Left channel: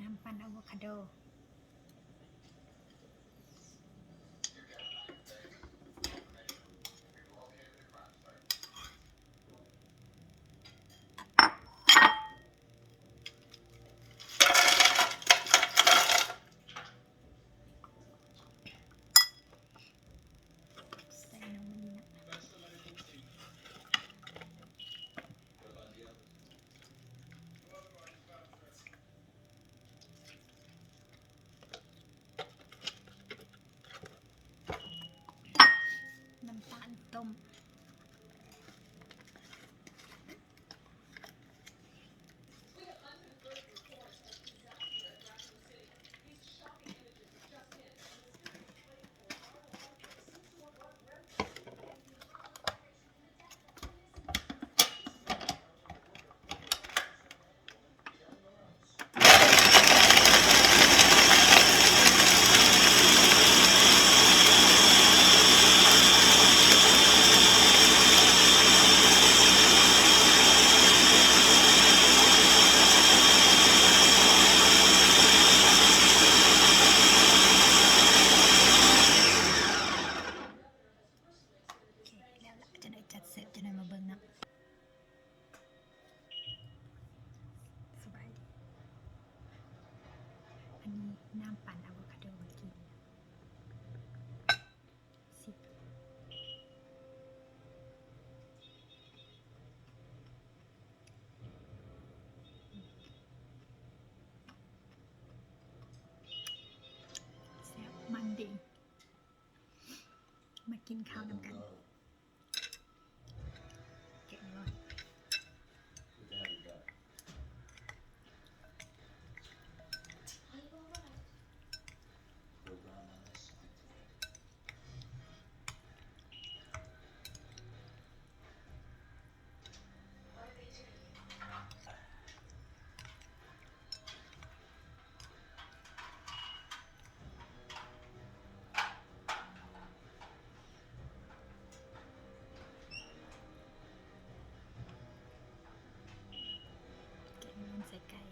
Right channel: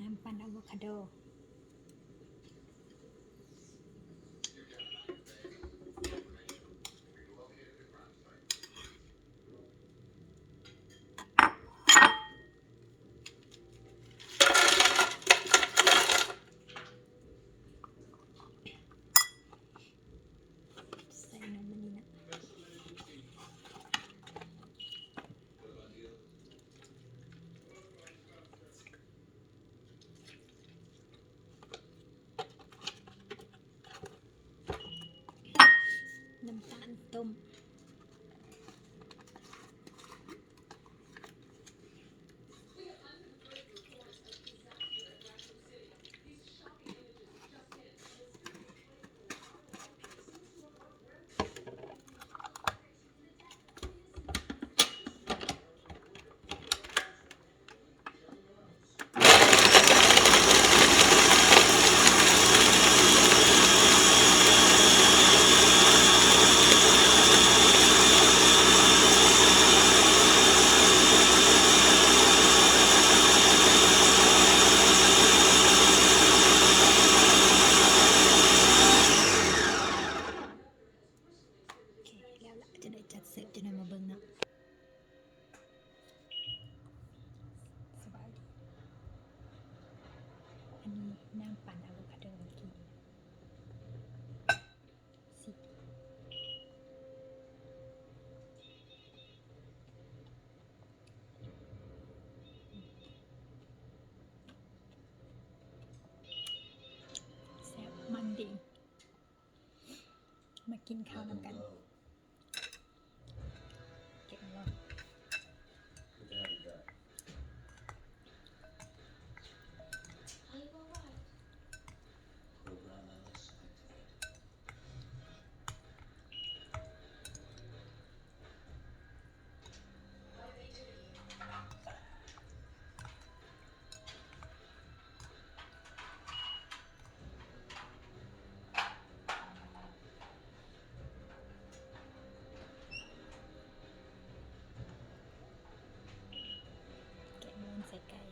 น้ำปั่นอะโวคาโดใส่นมนี่นะน้ำตาลต้มโอเคแล้วล่ะจะได้จัดเสิร์ฟจะได้มาเบิ่งเนาะสบายดีอันนี้น้ำปั่นอะโวคาโดเมื่อกี้สิแซ่บมันดีมากินข้าวนำกันเก็บร้อนแกะร้อนใส่ไก่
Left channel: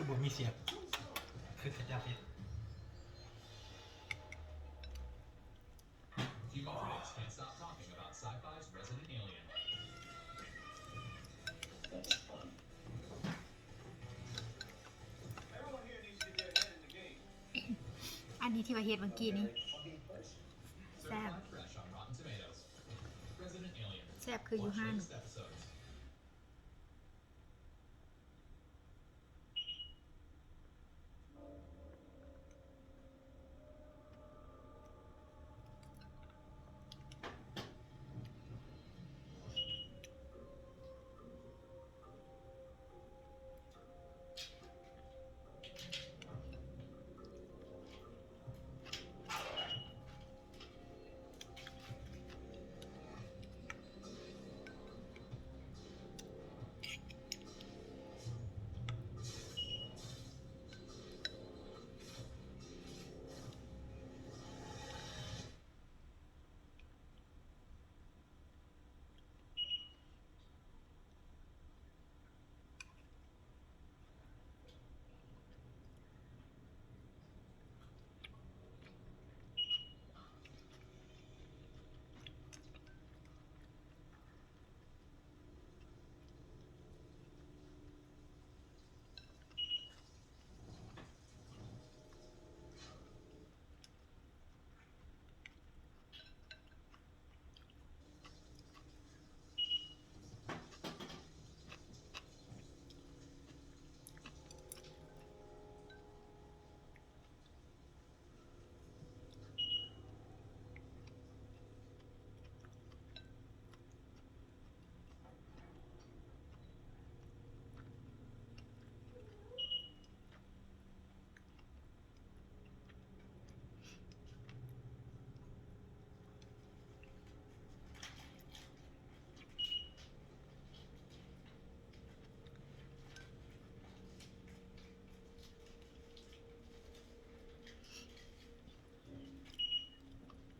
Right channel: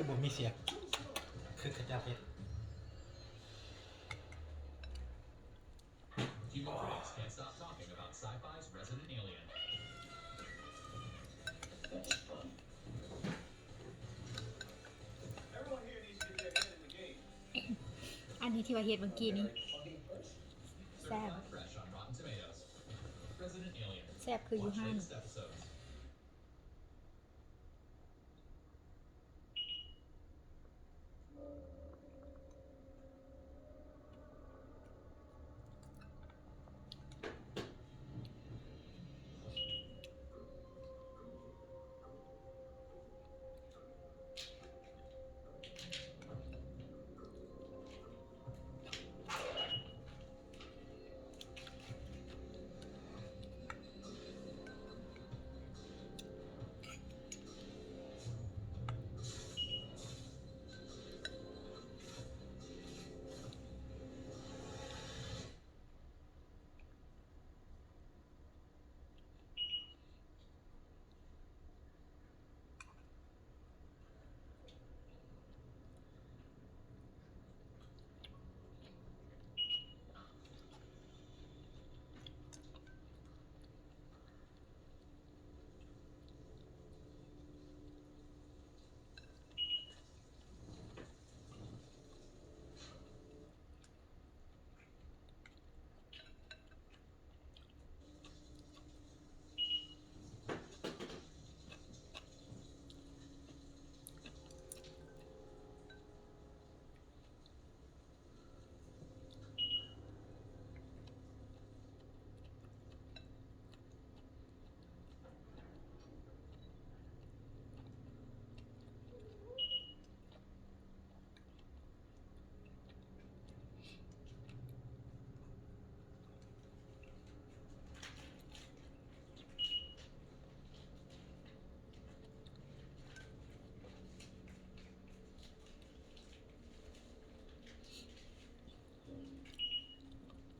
คือบ่มีเสียบคือกระจาเพชร You always can't stop talking about sci-fi's Resident Alien. อันนี้ที่ว่าเฮ็ดเมื่อกี้นี้แซ่บ Certified fresh on Rotten Tomatoes. Resident Alien. แซ่บคืออยู่ Watch ห้าน latest episodes.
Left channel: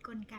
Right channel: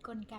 กลไก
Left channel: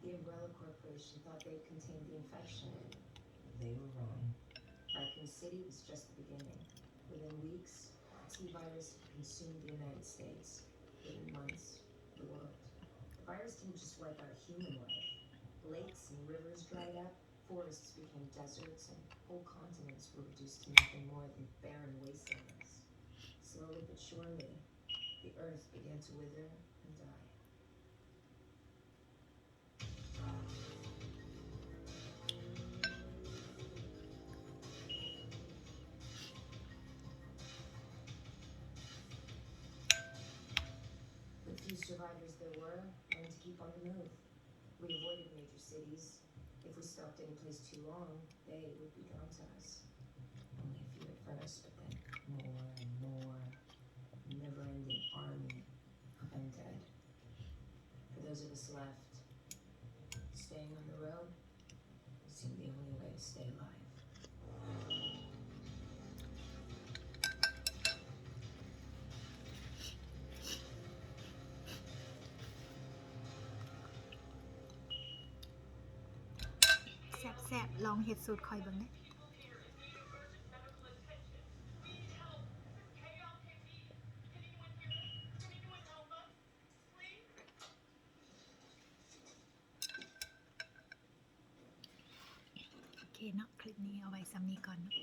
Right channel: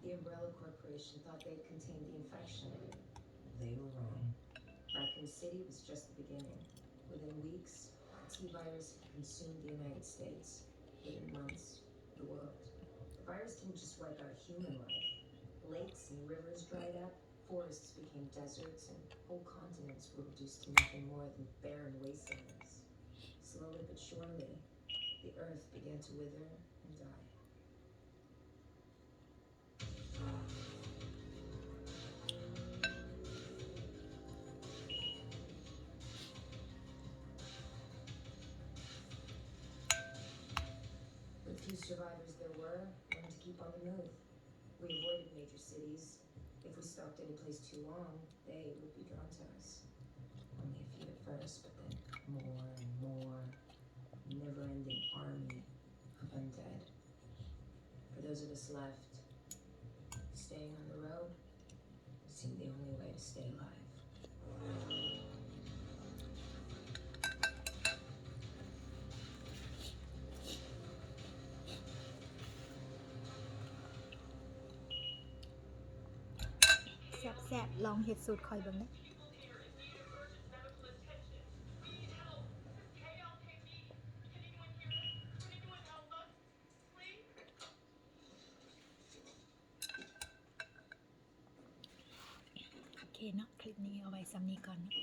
The Umbrella Corporation thought they contained the infection. They were wrong. Raccoon City was just the beginning. Within weeks, the T-virus had consumed the United States. Within months, the world. The virus didn't just wipe out human life. Lakes and rivers dried up, forests became deserts, and whole continents were reduced to nothing more than barren wastelands. Slowly but surely, the earth began to wither and die. The few survivors there were learned to keep on the move. We avoided major cities. If we stopped any place too long, they would be drawn to us. Only a few at first, but then more and more. Never-ending army of undead. For those of us left, staying on the road seemed the only way to stay alive.แซ่บๆลองเฮ็ดสูตรคอยเบิ่งเด้อโอเคเนาะคลิปนี้เอาไว้ซ้ำนี้ก่อนเนาะ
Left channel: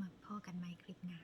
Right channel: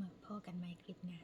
มาพอกันใหม่คลิปหน้า